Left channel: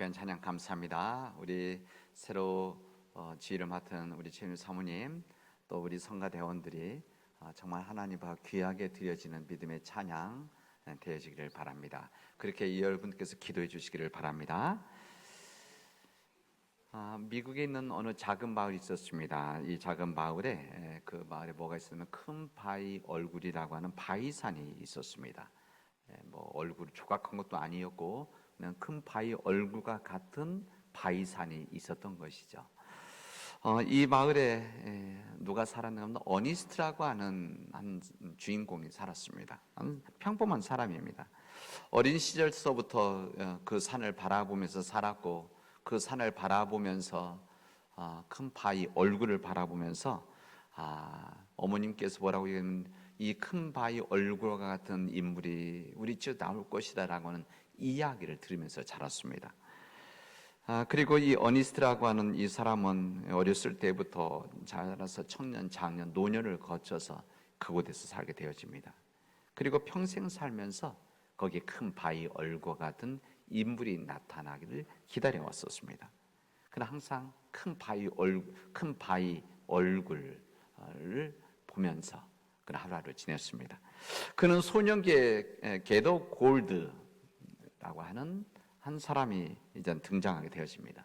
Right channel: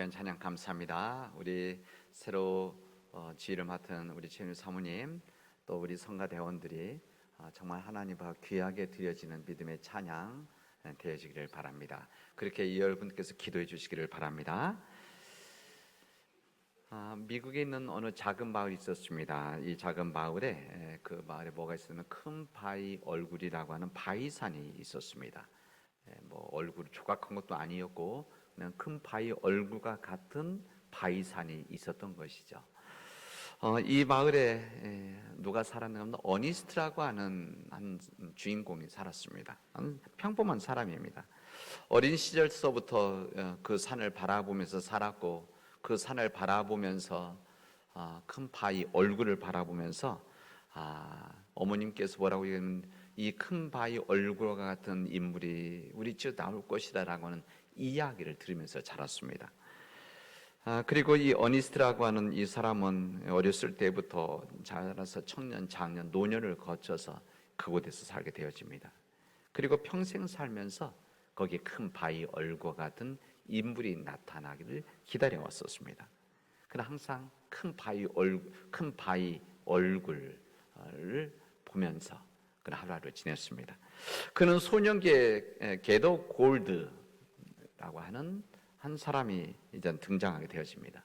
귀한 찬양 감사합니다. 우리 새로 지휘를 맡은 우리 지휘 사모님, 또 우리 성가대원들이 정말 하나님 앞 귀하게 드려지는 믿음의 찬양 되어지기를 바랍니다. 그렇게 여러분께서 기도해 주시기를 바랍니다. 미국에 있는 어느 작은 마을이 있었습니다. 이 작은 마을에 그 마을에 뭐가 있었냐면 큰 바위 얼굴이라고 하는 바위산이 있었습니다. 뭐 얼굴 조각한 것도 아니었고 그냥 큰 바위 얼굴과 같은 바위산이 있었던 것이죠. 이 마을에 누가 살았냐면 어니스트라고 하는 한 주인공이 살았습니다. 평범한 사람입니다. 어린 시절서부터 그 산을 바라보면서 살았고, 그 산을 바라보면서 큰 바위 얼굴을 바라보면서 어머님께서 뭐라고 얘기했냐면 이 큰 바위 얼굴과 같은 인물이 우리 집에 나올 것이다 라고 하는 이야기를 들으면서 자랐습니다. 그리고 이 어니스트라고 하는 이 사람은 어렸을 때부터 자라서 청년, 장년, 노년을 거쳐서 그곳에서 살게 되어집니다. 그리고 평생 살면서 거기에 큰 바위 얼굴 같은 인물이 나타나기를 기다려 왔었습니다. 그러나 항상 큰 바위 얼굴을 보면서 그 하루하루 지냈습니다. 그는 소년기에 게더 골드라고 하는 한 사람이 이제 등장하게 되어집니다.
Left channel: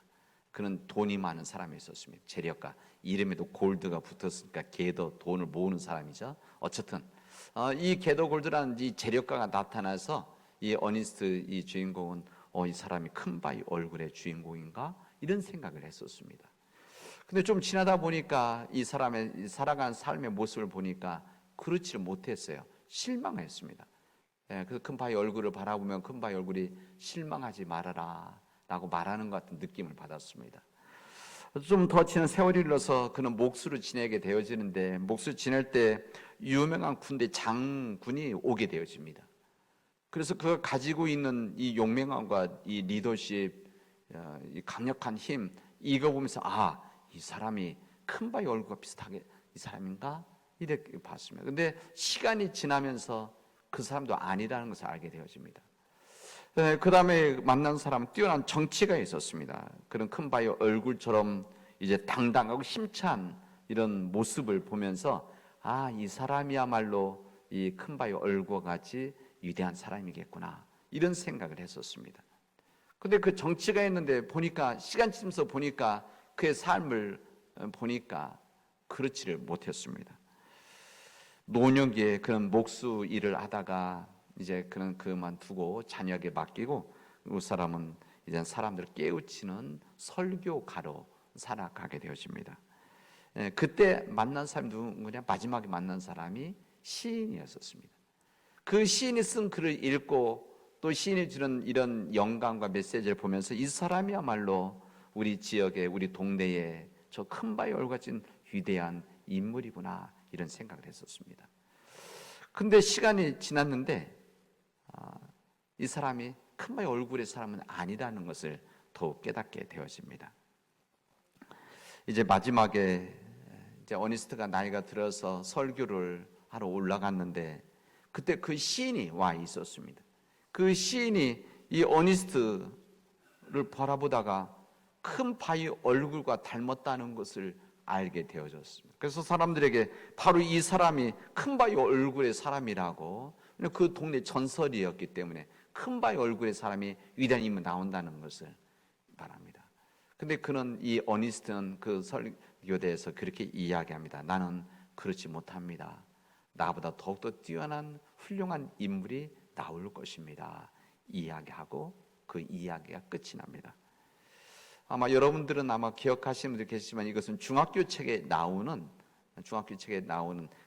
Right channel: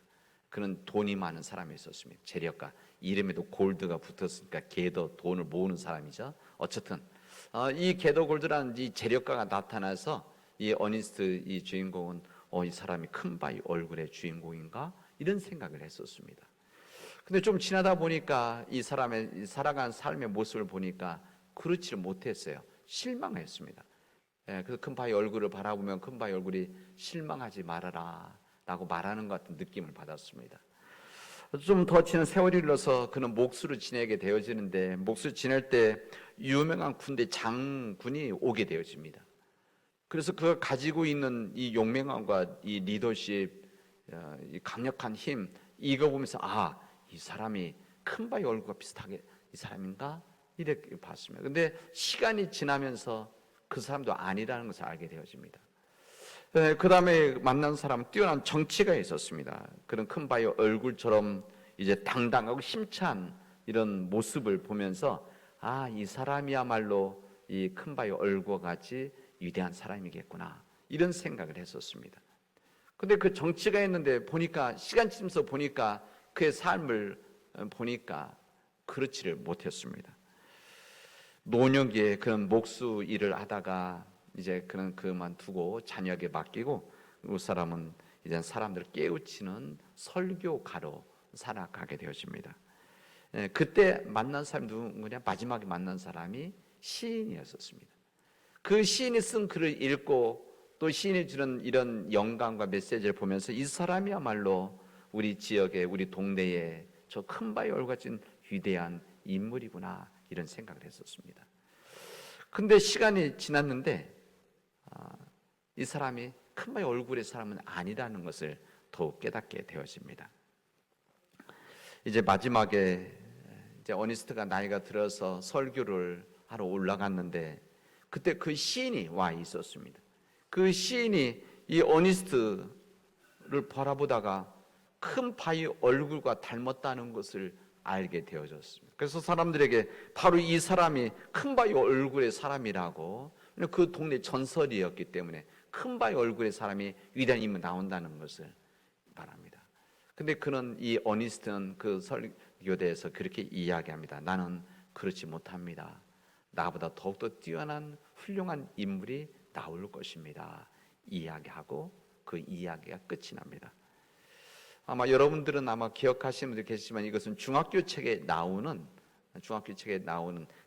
그는 돈이 많은 사람이 있었습니다. 재력가, 이름에도 골드가 붙었으니까 게더, 돈을 모으는 사람이죠. 어쨌든 이 게더 골드라는 이 재력가가 나타나서 이 어니스트 이 주인공은 이 사람이 큰 바위 얼굴의 주인공인가 이런 생각을 했었습니다. 근데 좀 지나다 보니까 이 사람의 살아간 삶의 모습을 보니까 그렇지 못했어요. 실망했습니다. 그 큰 바위 얼굴을 바라보면 큰 바위 얼굴이 실망하지 말아라 라고 말하는 것 같은 느낌을 받았습니다. 좀 더 지난 세월이 흘러서 그는 목수를 지내게 되어지는데, 목수 지낼 때 유명한 군대 장군이 오게 되어집니다. 그래서 그걸 가지고 있는 이 용맹함과 이 리더십, 이 강력한 힘, 이거 보면서 이 사람이 큰 바위 얼굴과 비슷하게 이 사람인가 이렇게 봤습니다. 근데 시간이 지나면서 그 사람도 아니라는 것을 알게 되어집니다. 그 다음에 만난 사람, 뛰어난 정치가 있었습니다. 그런 큰 바위 얼굴처럼 이제 당당하고 힘찬 이런 모습을 보면서 이 사람이야말로 이 큰 바위 얼굴 같이 위대한 사람이겠구나 이런 생각을 했었습니다. 근데 그 정치가 있는데 보니까 시간 지나면서 보니까 그의 삶을 보니까 그렇지를 못했습니다. 노년기에 그런 목수 일을 하다가 이제 그만두고 자녀에게 맡기고 그 사람은 이제 사람들을 깨우치는 설교가로 살아가게 되어집니다. 그때 만난 사람이 누구냐? 마지막에 만난 사람이 시인이었었습니다. 그 시인이 쓴 글을 읽고 또 시인이 주는 이런 영감과 메시지를 보면서 이 사람이야말로 우리 지역에, 우리 동네에 저 큰 바위 얼굴 같은 위대한 인물이구나 이런 생각을 했었습니다. 근데 시간이 지났는데 이 사람이 큰 바위 얼굴의 사람은 아니라는 것을 더욱 깨닫게 되어집니다. 이제 마지막에 이제 어니스트가 나이가 들어서 설교를 하러 올라갔는데 그때 그 시인이 와 있었습니다. 그 시인이 이 어니스트를 바라보다가 큰 바위 얼굴과 닮았다는 것을 알게 되어졌습니다. 그래서 사람들에게 바로 이 사람이 큰 바위 얼굴의 사람이라고, 그 동네 전설이었기 때문에 큰 바위 얼굴의 사람이 위대한 인물이 나온다는 것을 말합니다. 근데 그는 이 어니스트는 그 설교대에서 그렇게 이야기합니다. 나는 그렇지 못합니다. 나보다 더욱더 뛰어난 훌륭한 인물이 나올 것입니다. 이야기하고 그 이야기가 끝이 납니다. 아마 여러분들은 기억하시는 분들 계시지만 이것은 중학교 책에 나오는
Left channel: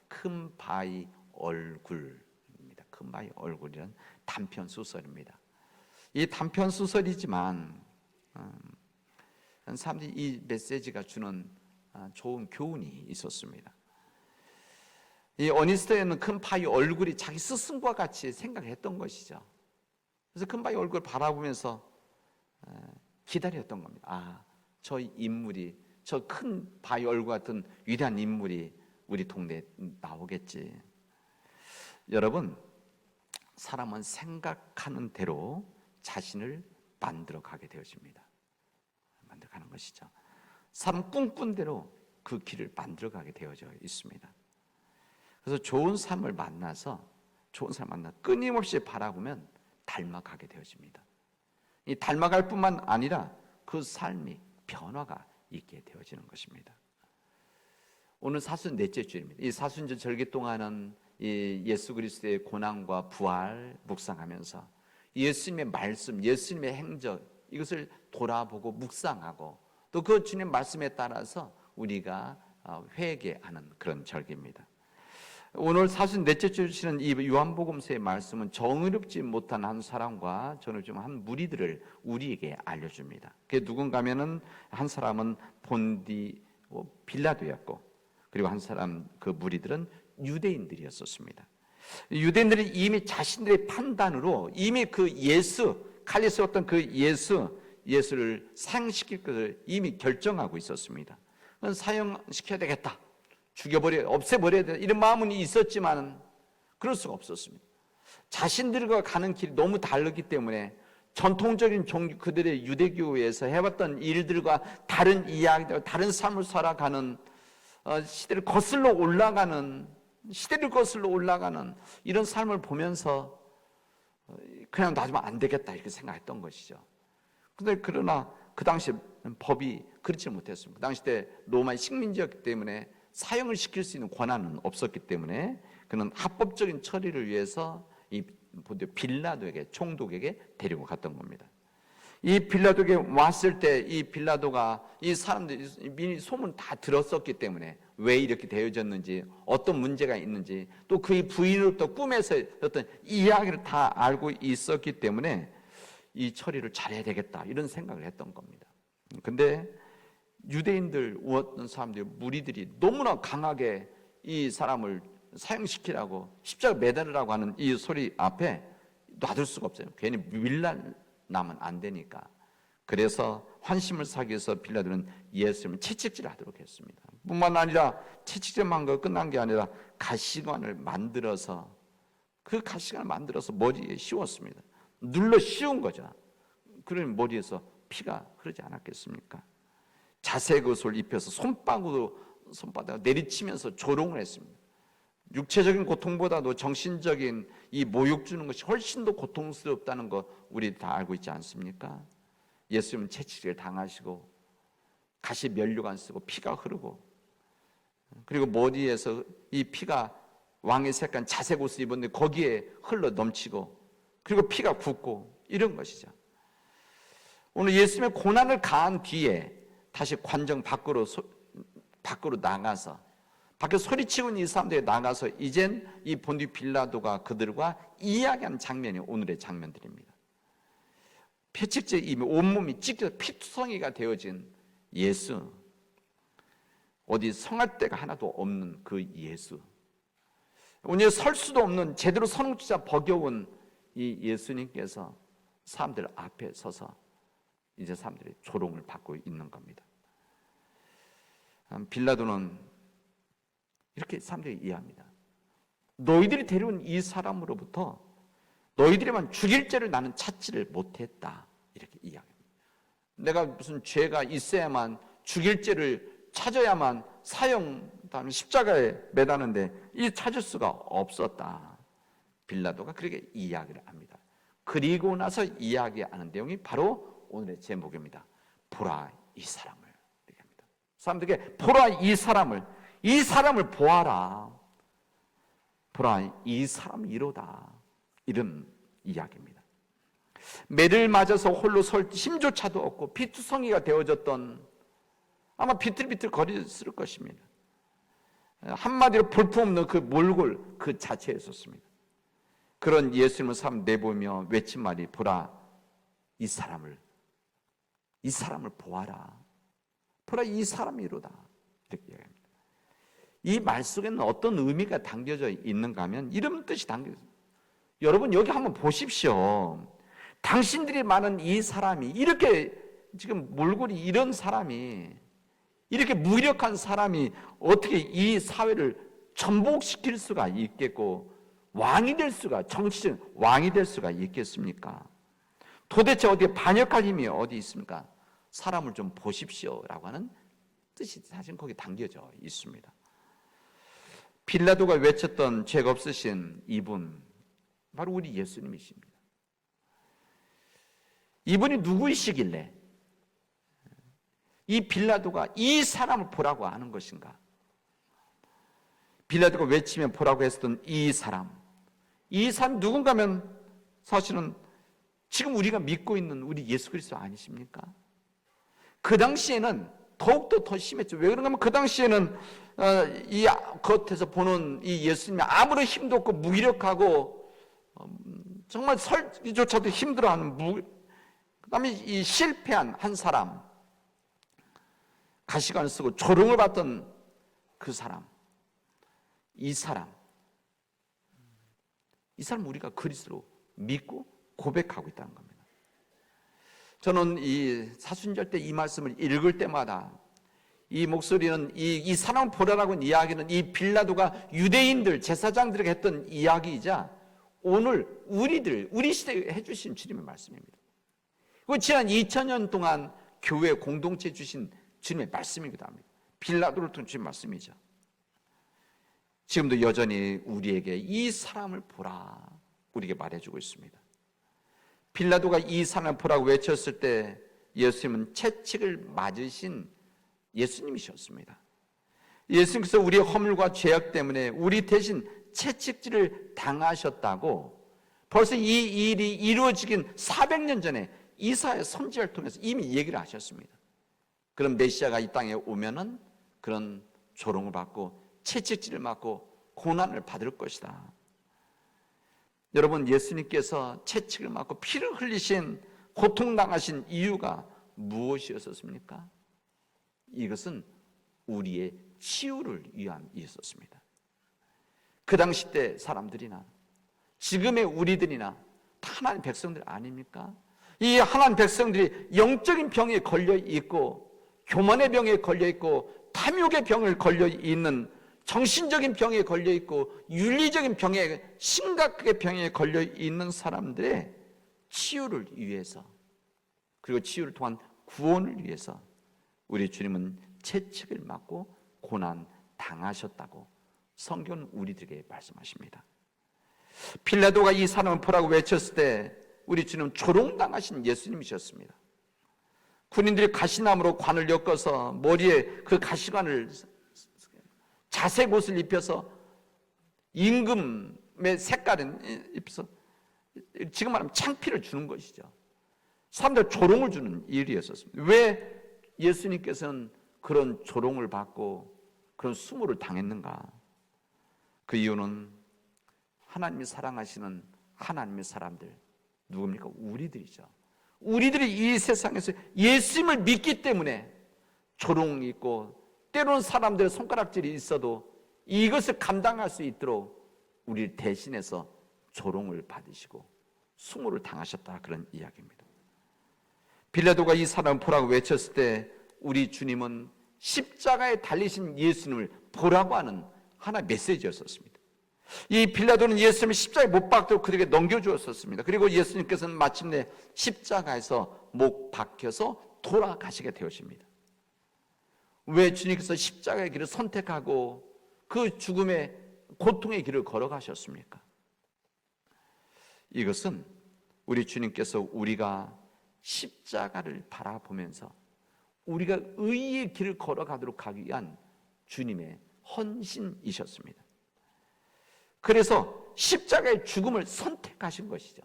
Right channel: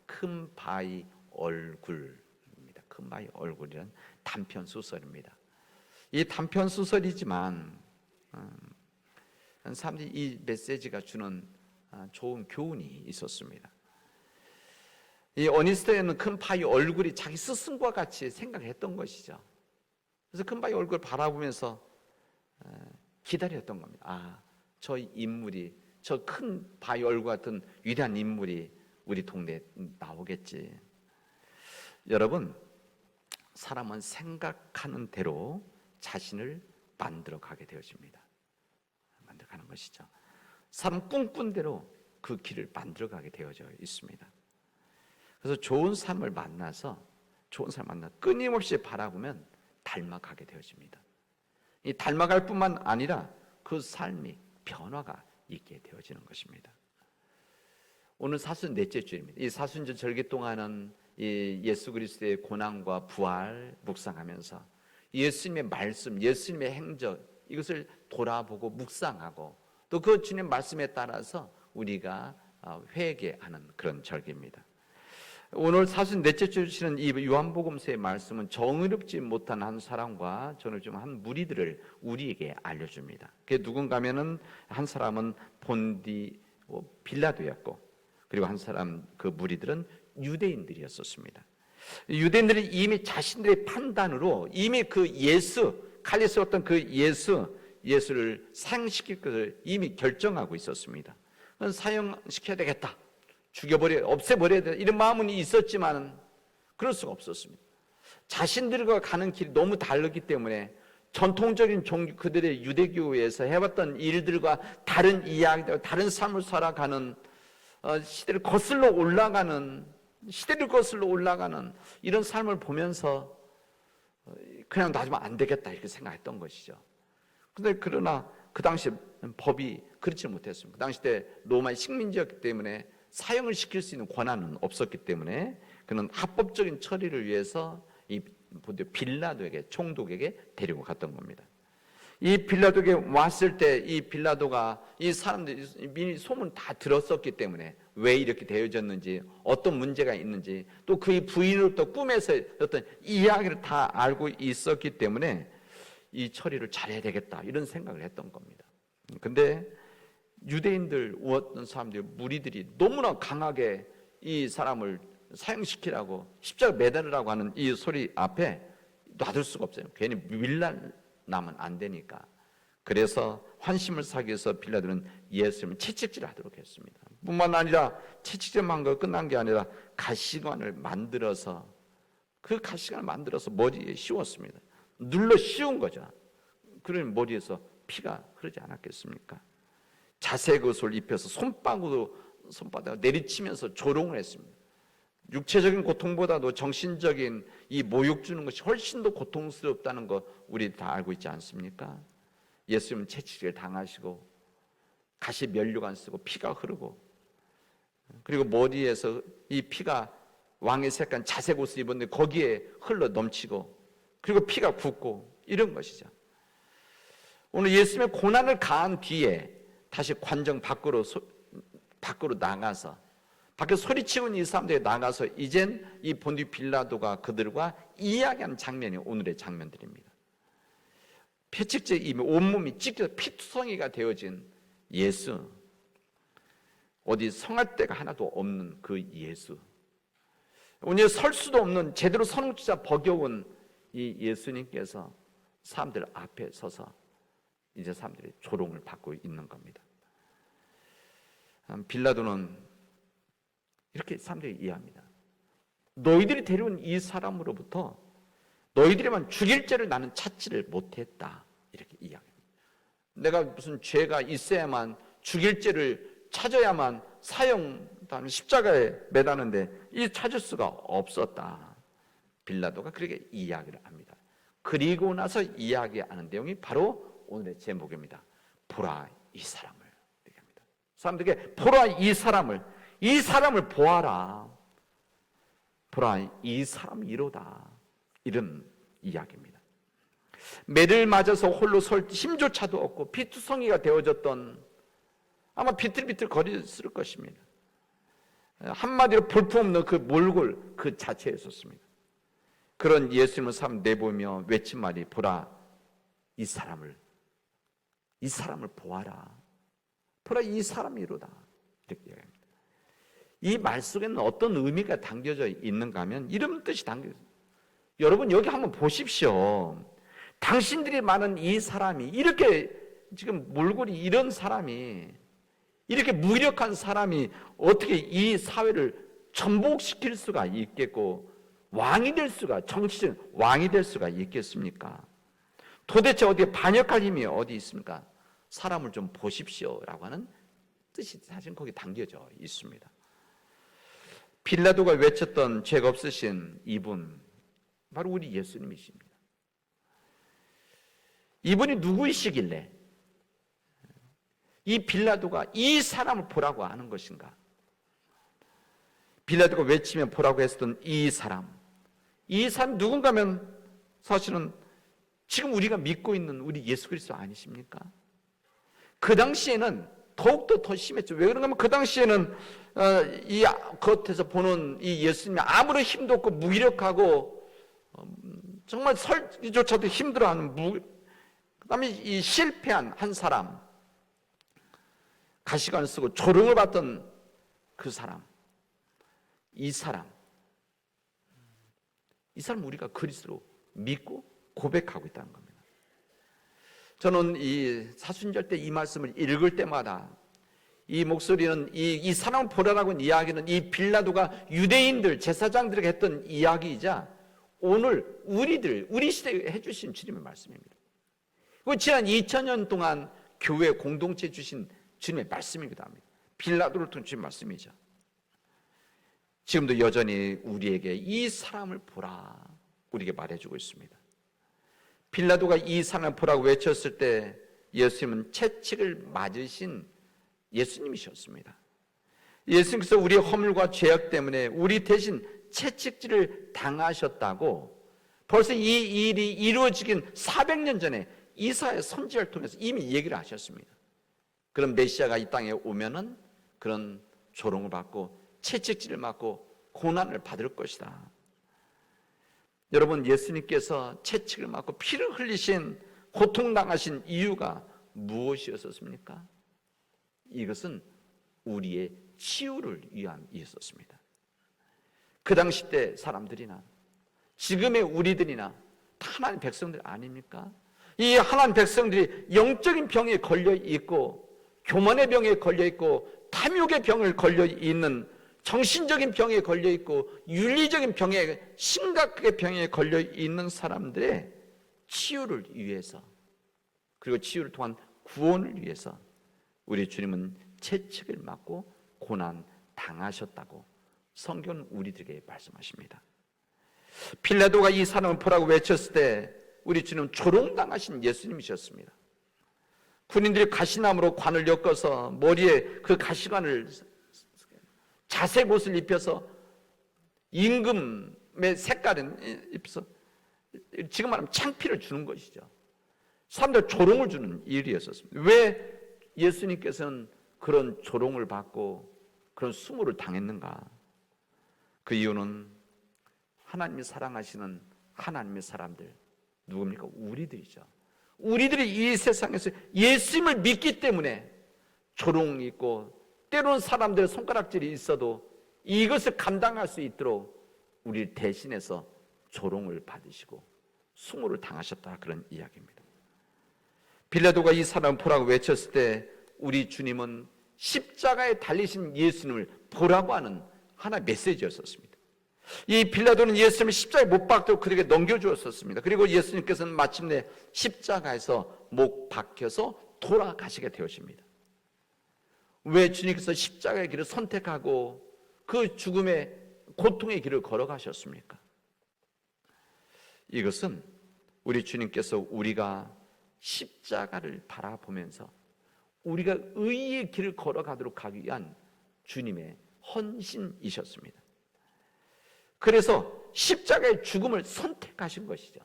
큰 바위 얼굴입니다. 큰 바위 얼굴이란 단편 소설입니다. 이 단편 소설이지만 사람들이 이 메시지가 주는 좋은 교훈이 있었습니다. 이 어니스트에는 큰 바위 얼굴이 자기 스승과 같이 생각했던 것이죠. 그래서 큰 바위 얼굴을 바라보면서 기다렸던 겁니다. 저 인물이, 저 큰 바위 얼굴 같은 위대한 인물이 우리 동네에 나오겠지. 여러분, 사람은 생각하는 대로 자신을 만들어 가게 되어집니다. 만들어 가는 것이죠. 삶 꿈꾼 대로 그 길을 만들어 가게 되어져 있습니다. 그래서 좋은 삶을 만나서 끊임없이 바라보면 닮아가게 되어집니다. 이 닮아갈 뿐만 아니라 그 삶이 변화가 있게 되어지는 것입니다. 오늘 44째 주입니다. 이 사순절 절기 동안은 이 예수 그리스도의 고난과 부활 묵상하면서 예수님의 말씀, 예수님의 행적 이것을 돌아보고 묵상하고 또 그 주님 말씀에 따라서 우리가 회개하는 그런 절기입니다. 오늘 44째 주시는 이 요한복음서의 말씀은 정의롭지 못한 한 사람과 정의롭지 못한 한 무리들을 우리에게 알려줍니다. 그게 누군가 하면은 한 사람은 본디 빌라도였고 그리고 한 사람 그 무리들은 유대인들이었었습니다. 유대인들이 이미 자신들의 판단으로 이미 그 칼에 쏘았던 그 예수를 사형시킬 것을 이미 결정하고 있었습니다. 사형시켜야 되겠다. 없애버려야 돼. 이런 마음은 있었지만 그럴 수가 없었습니다. 자신들과 가는 길이 너무 다르기 때문에 전통적인 그들의 유대교회에서 해왔던 일들과 다른 이야기들, 다른 삶을 살아가는 시대를 거슬러 올라가는 이런 삶을 보면서 그냥 놔두면 안 되겠다 이렇게 생각했던 것이죠. 그러나 그 당시 법이 그렇지 못했습니다. 그 당시 때 로마의 식민지였기 때문에 사형을 시킬 수 있는 권한은 없었기 때문에 그는 합법적인 처리를 위해서 이 빌라도에게 총독에게 데리고 갔던 겁니다. 이 빌라도에게 왔을 때 이 빌라도가 이 사람들이 미리 소문 다 들었었기 때문에 왜 이렇게 되어졌는지 어떤 문제가 있는지 또 그의 부인으로부터 꿈에서 어떤 이야기를 다 알고 있었기 때문에 이 처리를 잘해야 되겠다 이런 생각을 했던 겁니다. 근데 유대인들 어떤 사람들 무리들이 너무나 강하게 이 사람을 사형시키라고 십자가 매달으라고 하는 이 소리 앞에 놔둘 수가 없어요. 괜히 밀나면 안 되니까. 그래서 환심을 사기 위해서 빌라도는 예수님을 채찍질하도록 했습니다. 뿐만 아니라 채찍질만 하고 끝난 게 아니라 가시관을 만들어서 머리에 씌웠습니다. 눌러 씌운 거죠. 그러니 머리에서 피가 흐르지 않았겠습니까? 자색 옷을 입혀서 손바닥을 내리치면서 조롱을 했습니다. 육체적인 고통보다도 정신적인 이 모욕 주는 것이 훨씬 더 고통스럽다는 거 우리 다 알고 있지 않습니까? 예수님 채찍을 당하시고 가시 면류관 쓰고 피가 흐르고 그리고 머리에서 이 피가 왕의 색깔 자색 옷을 입었는데 거기에 흘러 넘치고 그리고 피가 붓고 이런 것이죠. 오늘 예수님의 고난을 가한 뒤에 다시 관정 밖으로 나가서 밖에 소리치는 이 사람들이 나가서 이젠 이 본디 빌라도가 그들과 이야기한 장면이 오늘의 장면들입니다. 채찍제 이미 온몸이 찢겨서 피투성이가 되어진 예수, 어디 성할 데가 하나도 없는 그 예수, 오늘 설 수도 없는 제대로 서는 진짜 버겨운 이 예수님께서 사람들 앞에 서서 이제 사람들이 조롱을 받고 있는 겁니다. 빌라도는 이렇게 사람들이 이해합니다. 너희들이 데려온 이 사람으로부터 너희들만 죽일 죄를 나는 찾지를 못했다. 이렇게 이야기합니다. 내가 무슨 죄가 있어야만 죽일 죄를 찾아야만 사형 다음에 십자가에 매다는데 이 찾을 수가 없었다. 빌라도가 그렇게 이야기를 합니다. 그리고 나서 이야기하는 내용이 바로 오늘의 제목입니다. 보라 이 사람을 얘기합니다. 사람들에게 보라 이 사람을 보아라. 보라 이 사람이로다. 이런 이야기입니다. 매를 맞아서 홀로 설 힘조차도 없고 피투성이가 되어졌던 아마 비틀비틀 거렸을 것입니다. 한마디로 볼품없는 그 몰골 그 자체에 있었습니다. 그런 예수님을 사람 내보며 외친 말이 보라 이 사람을 보아라. 보라 이 사람이로다. 이렇게 이야기합니다. 이 말 속에는 어떤 의미가 담겨져 있는가 하면 이런 뜻이 담겨져 있습니다. 여러분 여기 한번 보십시오. 당신들이 많은 이 사람이 이렇게 지금 몰골이 이런 사람이 이렇게 무력한 사람이 어떻게 이 사회를 전복시킬 수가 있겠고 왕이 될 수가 정치적 왕이 될 수가 있겠습니까? 도대체 어디에 반역할 힘이 어디 있습니까? 사람을 좀 보십시오라고 하는 뜻이 사실 거기에 담겨져 있습니다. 빌라도가 외쳤던 죄가 없으신 이분, 바로 우리 예수님이십니다. 이분이 누구이시길래 이 빌라도가 이 사람을 보라고 하는 것인가? 빌라도가 외치면 보라고 했던 이 사람 누군가면 사실은 지금 우리가 믿고 있는 우리 예수 그리스도 아니십니까? 그 당시에는 더욱더 더 심했죠. 왜 그런가 하면 그 당시에는 이 겉에서 보는 이 예수님이 아무런 힘도 없고 무기력하고 정말 설기조차도 힘들어하는 그다음에 이 실패한 한 사람, 가시관을 쓰고 조롱을 받던 그 사람, 이 사람 우리가 그리스도로 믿고 고백하고 있다는 겁니다. 저는 이 사순절 때 이 말씀을 읽을 때마다 이 목소리는 이 사람 보라라고 하는 이야기는 이 빌라도가 유대인들 제사장들에게 했던 이야기이자 오늘 우리 시대에 해주신 주님의 말씀입니다. 지난 2000년 동안 교회 공동체에 주신 주님의 말씀이기도 합니다. 빌라도를 통해 주신 말씀이죠. 지금도 여전히 우리에게 이 사람을 보라 우리에게 말해주고 있습니다. 빌라도가 이 사람을 보라고 외쳤을 때 예수님은 채찍을 맞으신 예수님이셨습니다. 예수님께서 우리의 허물과 죄악 때문에 우리 대신 채찍질을 당하셨다고 벌써 이 일이 이루어지긴 400년 전에 이사야 선지자를 통해서 이미 얘기를 하셨습니다. 그런 메시아가 이 땅에 오면은 그런 조롱을 받고 채찍질을 맞고 고난을 받을 것이다. 여러분, 예수님께서 채찍을 맞고 피를 흘리신 고통당하신 이유가 무엇이었습니까? 이것은 우리의 치유를 위함이었습니다. 그 당시 때 사람들이나 지금의 우리들이나 하나님 백성들 아닙니까? 이 하나님 백성들이 영적인 병에 걸려 있고 교만의 병에 걸려 있고 탐욕의 병을 걸려 있는 정신적인 병에 걸려 있고 윤리적인 병에 심각하게 병에 걸려 있는 사람들의 치유를 위해서 그리고 치유를 통한 구원을 위해서 우리 주님은 채찍을 맞고 고난 당하셨다고 성경은 우리들에게 말씀하십니다. 빌라도가 이 사람을 보라고 외쳤을 때 우리 주님은 조롱당하신 예수님이셨습니다. 군인들이 가시나무로 관을 엮어서 머리에 그 가시관을 자색 옷을 입혀서 임금의 색깔은 입혀서 지금 말하면 창피를 주는 것이죠. 사람들 조롱을 주는 일이었습니다. 왜 예수님께서는 그런 조롱을 받고 그런 수모를 당했는가? 그 이유는 하나님이 사랑하시는 하나님의 사람들 누굽니까? 우리들이죠. 우리들이 이 세상에서 예수님을 믿기 때문에 조롱이 있고 때로는 사람들의 손가락질이 있어도 이것을 감당할 수 있도록 우리 대신해서 조롱을 받으시고 수모를 당하셨다 그런 이야기입니다. 빌라도가 이 사람 보라고 외쳤을 때 우리 주님은 십자가에 달리신 예수님을 보라고 하는 하나의 메시지였었습니다. 이 빌라도는 예수님을 십자가에 못 박도록 그에게 넘겨주었었습니다. 그리고 예수님께서는 마침내 십자가에서 못 박혀서 돌아가시게 되었습니다. 왜 주님께서 십자가의 길을 선택하고 그 죽음의 고통의 길을 걸어가셨습니까? 이것은 우리 주님께서 우리가 십자가를 바라보면서 우리가 의의 길을 걸어가도록 하기 위한 주님의 헌신이셨습니다. 그래서 십자가의 죽음을 선택하신 것이죠.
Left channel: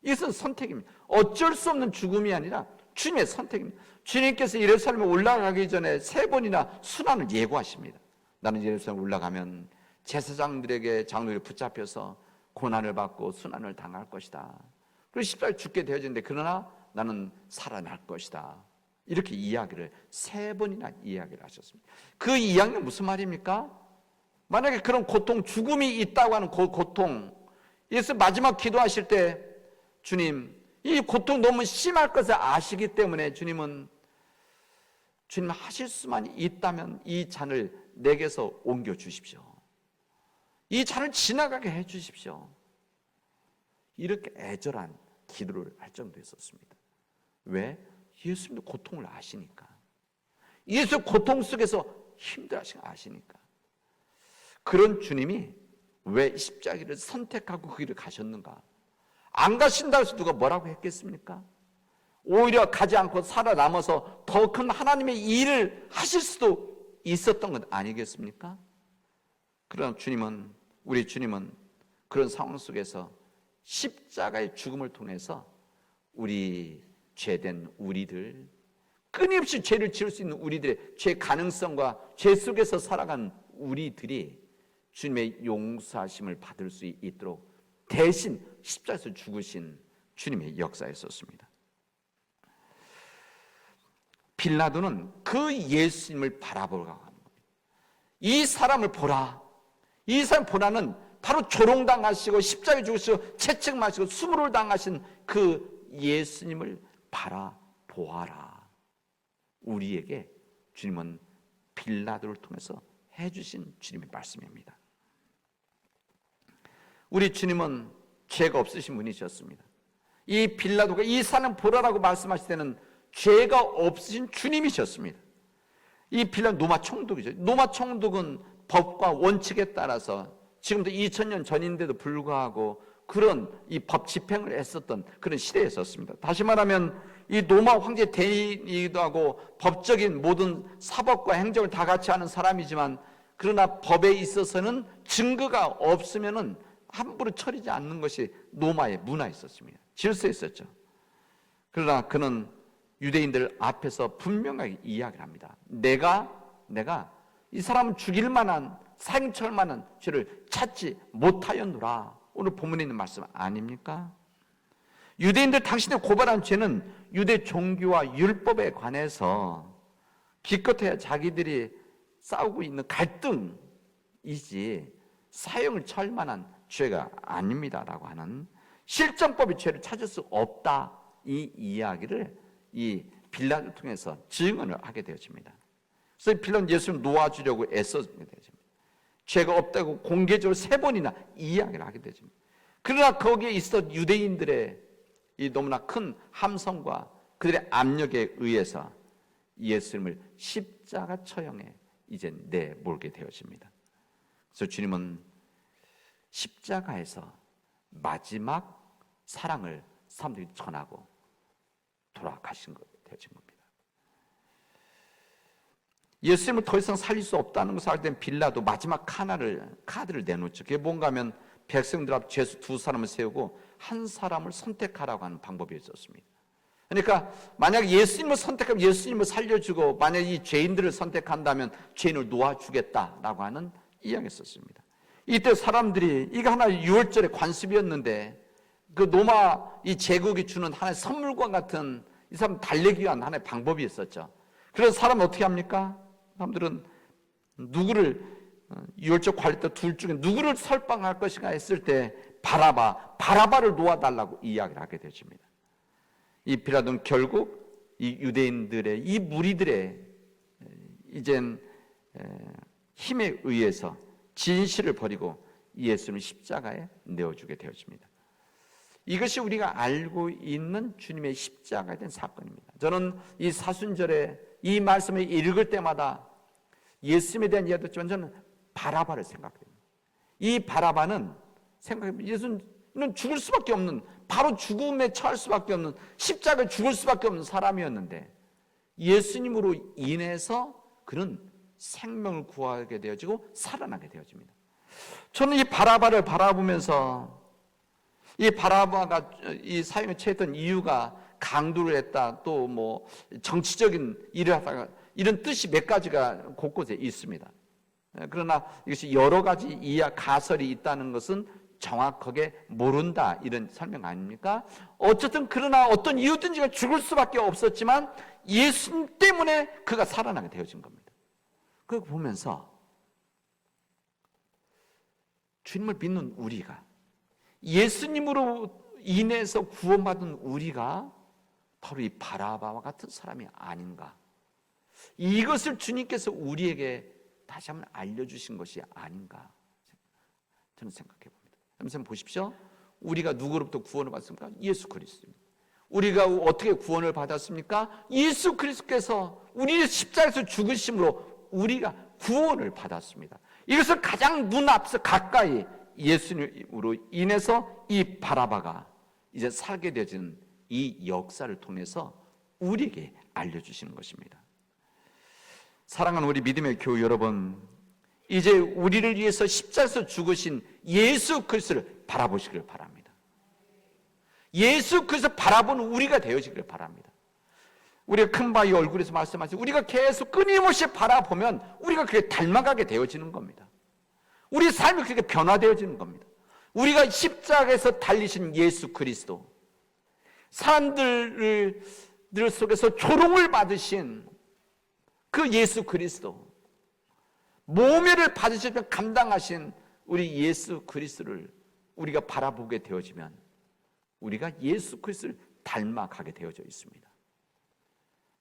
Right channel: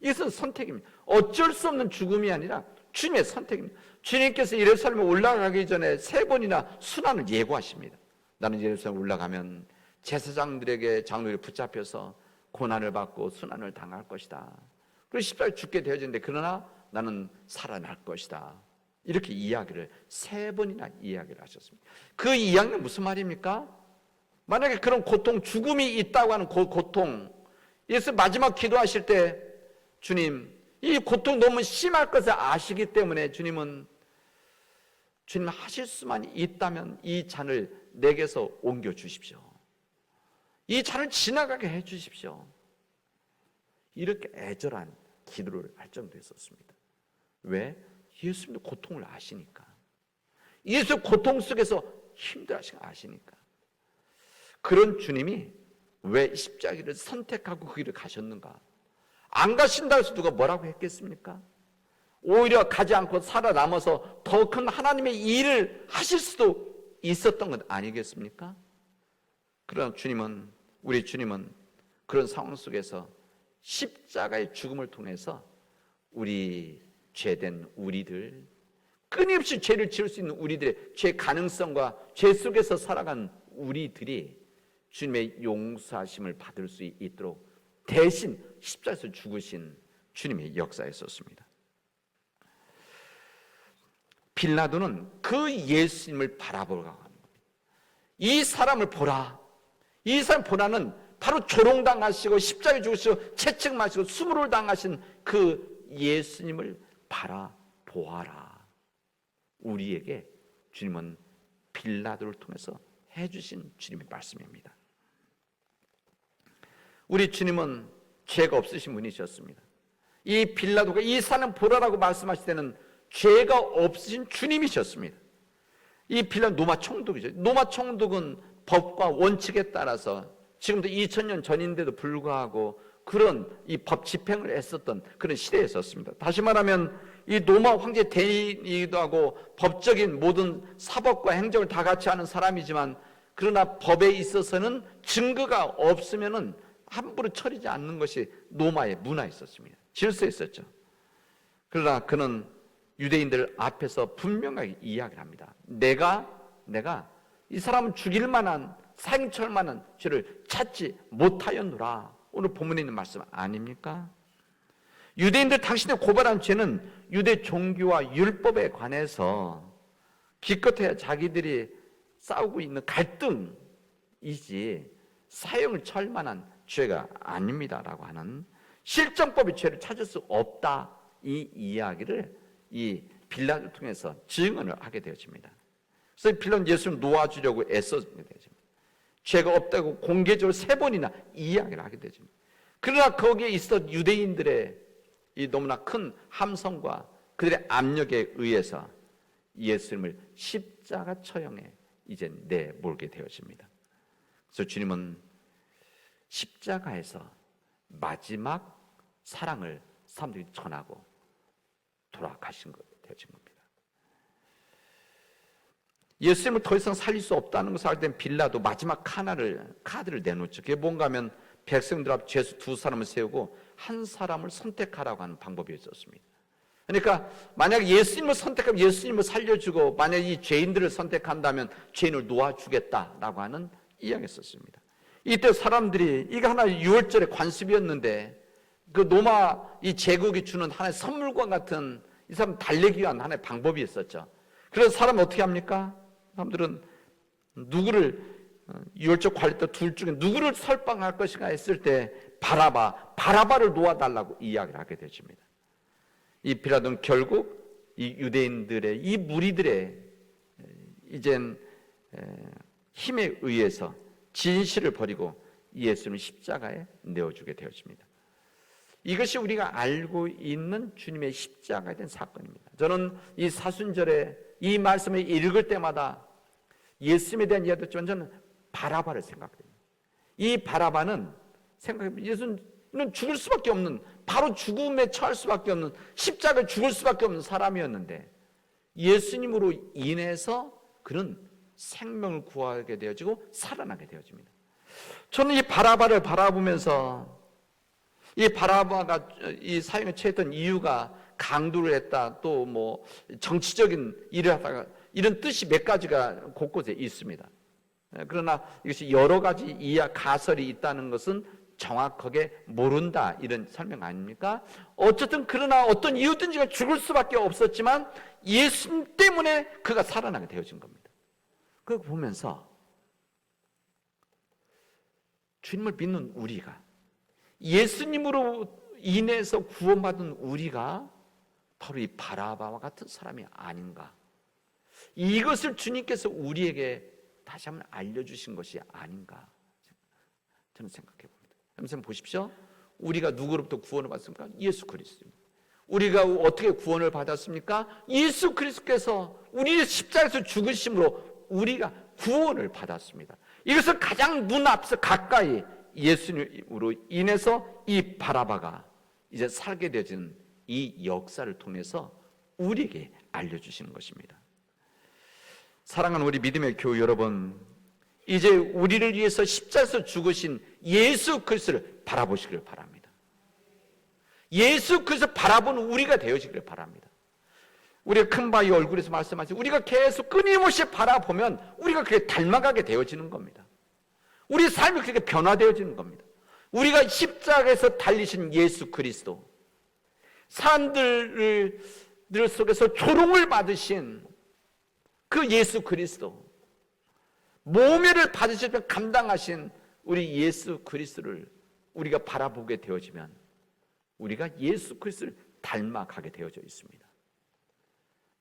이것은 선택입니다. 어쩔 수 없는 죽음이 아니라 주님의 선택입니다. 주님께서 예루살렘에 올라가기 전에 3번이나 순환을 예고하십니다. 나는 예루살렘에 올라가면 제사장들에게 장로에 붙잡혀서 고난을 받고 순환을 당할 것이다. 그리고 십자가에 죽게 되어지는데 그러나 나는 살아날 것이다. 이렇게 이야기를 3번이나 이야기를 하셨습니다. 그 이야기는 무슨 말입니까? 만약에 그런 고통, 죽음이 있다고 하는 그 고통, 예수 마지막 기도하실 때 주님, 이 고통 너무 심할 것을 아시기 때문에 주님 하실 수만 있다면 이 잔을 내게서 옮겨 주십시오. 이 잔을 지나가게 해 주십시오. 이렇게 애절한 기도를 할 정도였었습니다. 왜? 예수님의 고통을 아시니까. 예수 고통 속에서 힘들어하신 거 아시니까. 그런 주님이 왜 십자가를 선택하고 그 길을 가셨는가? 안 가신다고 해서 누가 뭐라고 했겠습니까? 오히려 가지 않고 살아남아서 더 큰 하나님의 일을 하실 수도 있었던 것 아니겠습니까? 그러나 우리 주님은 그런 상황 속에서 십자가의 죽음을 통해서 우리 죄된 우리들, 끊임없이 죄를 지을 수 있는 우리들, 죄 가능성과 죄 속에서 살아간 우리들이 주님의 용서하심을 받을 수 있도록 대신 십자가에서 죽으신 주님의 역사였었습니다. 빌라도는 그 예수님을 바라보러 가는 겁니다. 이 사람을 보라. 이 사람 보라는 바로 조롱당하시고 십자가에 죽으시고 채찍맞으시고 수모를 당하신 그 예수님을 바라보아라. 우리에게 주님은 빌라도를 통해서 해주신 주님의 말씀입니다. 우리 주님은 죄가 없으신 분이셨습니다. 이 빌라도가 이 사람 보라라고 말씀하실 때는 죄가 없으신 주님이셨습니다. 이 빌라도 노마 총독이죠. 노마 총독은 법과 원칙에 따라서 지금도 2000년 전인데도 불구하고 그런 이 법 집행을 했었던 그런 시대에 있었습니다. 다시 말하면 이 로마 황제 대인이기도 하고 법적인 모든 사법과 행정을 다 같이 하는 사람이지만 그러나 법에 있어서는 증거가 없으면은 함부로 처리하지 않는 것이 로마의 문화였었습니다. 질서였었죠. 그러나 그는 유대인들 앞에서 분명하게 이야기를 합니다. 내가 이 사람 죽일 만한 생철 만한 죄를 찾지 못하였노라. 오늘 본문에 있는 말씀 아닙니까? 유대인들 당신의 고발한 죄는 유대 종교와 율법에 관해서 기껏해야 자기들이 싸우고 있는 갈등이지 사형을 칠 만한 죄가 아닙니다라고 하는 실정법의 죄를 찾을 수 없다. 이 이야기를 이 빌라도를 통해서 증언을 하게 되어집니다. 그래서 빌라도는 예수를 놓아주려고 애쓰게 되어집니다. 죄가 없다고 공개적으로 3번이나 이야기를 하게 되어집니다. 그러나 거기에 있어 유대인들의 이 너무나 큰 함성과 그들의 압력에 의해서 예수님을 십자가 처형에 이제 내몰게 되어집니다. 그래서 주님은 십자가에서 마지막 사랑을 사람들이 전하고 돌아가신 것 되어진 겁니다. 예수님을 더 이상 살릴 수 없다는 것을 알 때 빌라도 마지막 카드를 내놓죠. 그게 뭔가 하면 백성들 앞 죄수 2사람을 세우고 한 사람을 선택하라고 하는 방법이 있었습니다. 그러니까 만약 예수님을 선택하면 예수님을 살려주고 만약 이 죄인들을 선택한다면 죄인을 놓아주겠다라고 하는 이야기가 있었습니다. 이때 사람들이 이거 하나의 유월절의 관습이었는데 그 로마 이 제국이 주는 하나의 선물과 같은 이 사람 달래기 위한 하나의 방법이 있었죠. 그래서 사람 어떻게 합니까? 사람들은 누구를 유월절 관리 때 둘 중에 누구를 설방할 것인가 했을 때 바라바를 놓아달라고 이야기를 하게 되십니다. 이 빌라도는 결국 이 유대인들의 이 무리들의 이젠 힘에 의해서 진실을 버리고 예수님을 십자가에 내어주게 되어집니다. 이것이 우리가 알고 있는 주님의 십자가에 대한 사건입니다. 저는 이 사순절에 이 말씀을 읽을 때마다 예수님에 대한 이야기를 듣지만 저는 바라바를 생각합니다. 이 바라바는 예수는 죽을 수밖에 없는 바로 죽음에 처할 수밖에 없는 십자가에 죽을 수밖에 없는 사람이었는데 예수님으로 인해서 그는 생명을 구하게 되어지고 살아나게 되어집니다. 저는 이 바라바를 바라보면서 이 바라바가 이 사형을 취했던 이유가 강도를 했다 또 뭐 정치적인 일을 하다가 이런 뜻이 몇 가지가 곳곳에 있습니다. 그러나 이것이 여러 가지 가설이 있다는 것은 정확하게 모른다 이런 설명 아닙니까? 어쨌든 그러나 어떤 이유든지 죽을 수밖에 없었지만 예수님 때문에 그가 살아나게 되어진 겁니다. 그걸 보면서 주님을 믿는 우리가 예수님으로 인해서 구원받은 우리가 바로 이 바라바와 같은 사람이 아닌가. 이것을 주님께서 우리에게 다시 한번 알려주신 것이 아닌가 저는 생각해 봅니다. 여러분 보십시오. 우리가 누구로부터 구원을 받습니까? 예수 그리스도. 우리가 어떻게 구원을 받았습니까? 예수 그리스도께서 우리의 십자가에서 죽으심으로 우리가 구원을 받았습니다. 이것을 가장 눈앞서 가까이 예수님으로 인해서 이 바라바가 이제 살게 되어진 이 역사를 통해서 우리에게 알려주시는 것입니다. 사랑하는 우리 믿음의 교우 여러분, 이제 우리를 위해서 십자가에서 죽으신 예수 그리스도를 바라보시길 바랍니다. 예수 그리스도를 바라보는 우리가 되어지길 바랍니다. 우리가 큰 바위 얼굴에서 말씀하신 우리가 계속 끊임없이 바라보면 우리가 그게 닮아가게 되어지는 겁니다. 우리 삶이 그렇게 변화되어지는 겁니다. 우리가 십자가에서 달리신 예수 그리스도, 사람들 속에서 조롱을 받으신 그 예수 그리스도, 모멸을 받으시며 감당하신 우리 예수 그리스도를 우리가 바라보게 되어지면 우리가 예수 그리스도를 닮아가게 되어져 있습니다.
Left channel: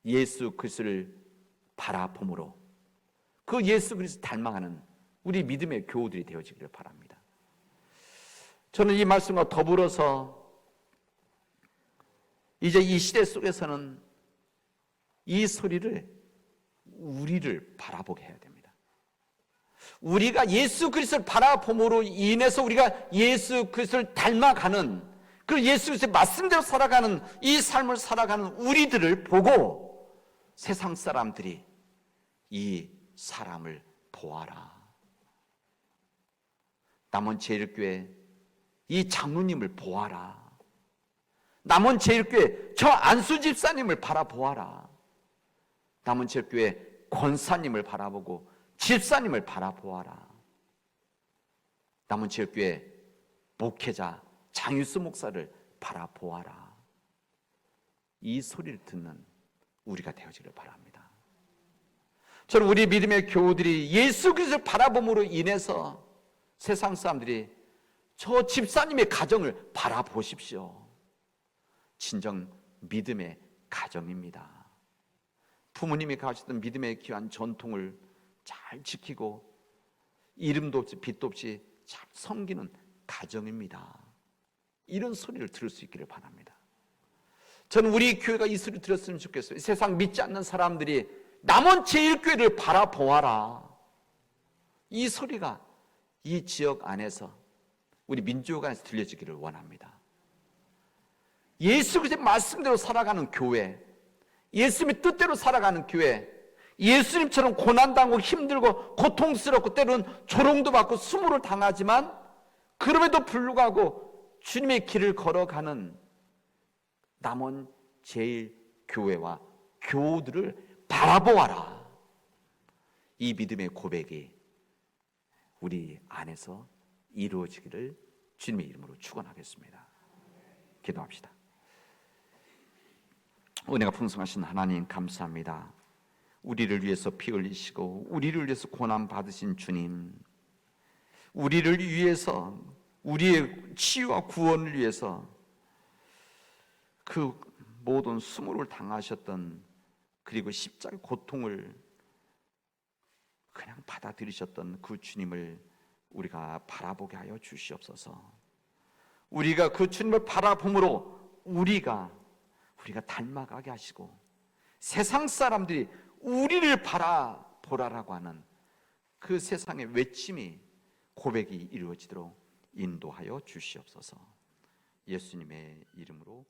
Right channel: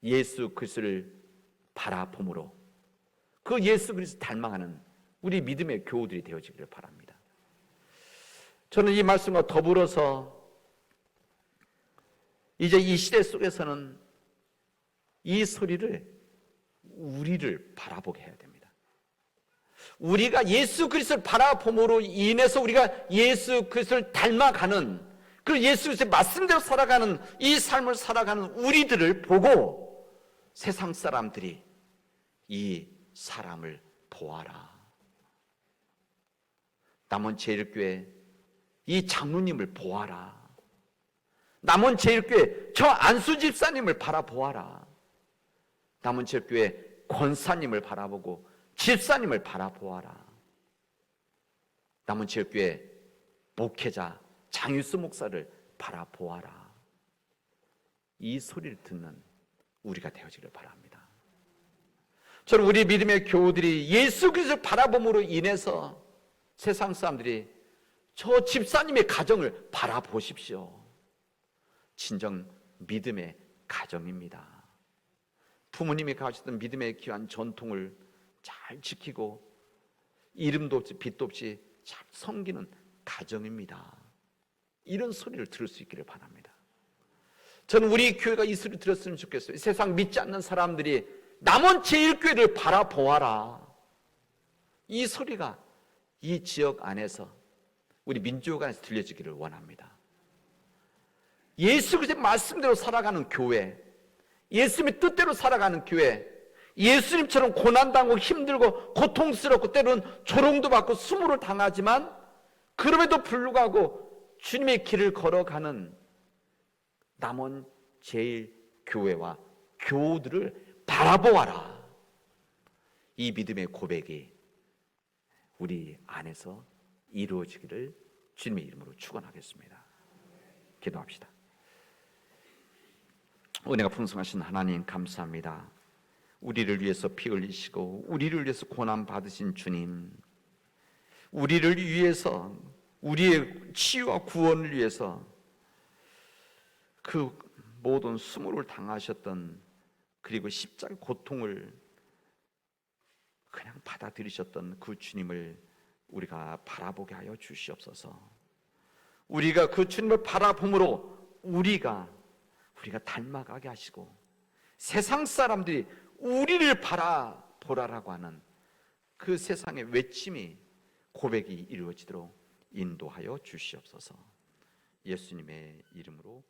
예수 그리스도를 바라봄으로 그 예수 그리스도를 닮아가는 우리 믿음의 교우들이 되어지기를 바랍니다. 저는 이 말씀과 더불어서 이제 이 시대 속에서는 이 소리를 우리를 바라보게 해야 됩니다. 우리가 예수 그리스도를 바라봄으로 인해서 우리가 예수 그리스도를 닮아가는, 그 예수 그리스도의 말씀대로 살아가는 이 삶을 살아가는 우리들을 보고 세상 사람들이 이 사람을 보아라, 남원제일교회 이 장로님을 보아라, 남원제일교회 저 안수 집사님을 바라보아라, 남원제일교회 권사님을 바라보고 집사님을 바라보아라, 남원제일교회 목회자 장유수 목사를 바라보아라. 이 소리를 듣는 우리가 되어지길 바랍니다. 저는 우리 믿음의 교우들이 예수 그리스도를 바라봄으로 인해서 세상 사람들이 저 집사님의 가정을 바라보십시오. 진정 믿음의 가정입니다. 부모님이 가셨던 믿음의 귀한 전통을 잘 지키고 이름도 없이 빛도 없이 잘 섬기는 가정입니다. 이런 소리를 들을 수 있기를 바랍니다. 저는 우리 교회가 이 소리를 들었으면 좋겠어요. 세상 믿지 않는 사람들이 남원제일교회를 바라보아라, 이 소리가 이 지역 안에서 우리 민족 안에서 들려지기를 원합니다. 예수 그리스도의 말씀대로 살아가는 교회, 예수님의 뜻대로 살아가는 교회, 예수님처럼 고난당하고 힘들고 고통스럽고 때로는 조롱도 받고 수모를 당하지만 그럼에도 불구하고 주님의 길을 걸어가는 남원제일교회와 교우들을 바라보아라. 이 믿음의 고백이 우리 안에서 이루어지기를 주님의 이름으로 축원하겠습니다. 기도합시다. 은혜가 풍성하신 하나님 감사합니다. 우리를 위해서 피 흘리시고 우리를 위해서 고난 받으신 주님, 우리를 위해서 우리의 치유와 구원을 위해서 그 모든 수모를 당하셨던, 그리고 십자가의 고통을 그냥 받아들이셨던 그 주님을 우리가 바라보게 하여 주시옵소서. 우리가 그 주님을 바라봄으로 우리가 닮아가게 하시고 세상 사람들이 우리를 바라보라라고 하는 그 세상의 외침이, 고백이 이루어지도록 인도하여 주시옵소서. 예수님의 이름으로